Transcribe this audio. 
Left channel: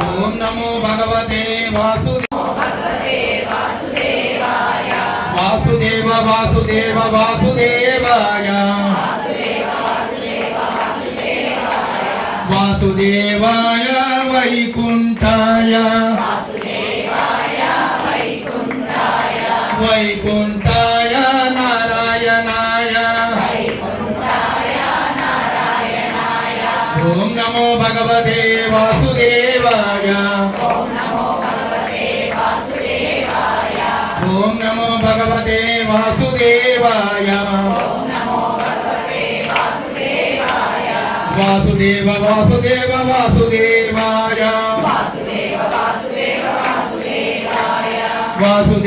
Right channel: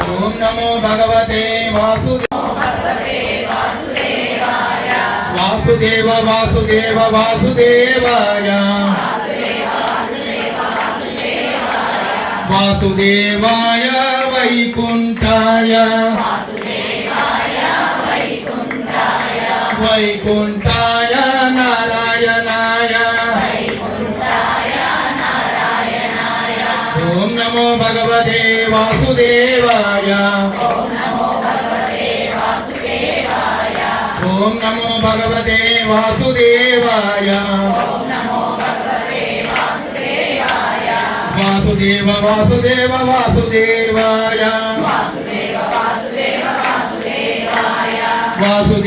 ఓం నమో భగవతే వాసుదేవ వాసుదేవ వాసుదేవాయ వాసుదేవాయ వైకుంఠాయ వైకుంఠాయ నారాయణాయ ఓం నమో భగవతే వాసుదేవాయ ఓం నమో భగవతే వాసుదేవాయ వాసుదేవ వాసుదేవ వాసుదేవాయ వాసు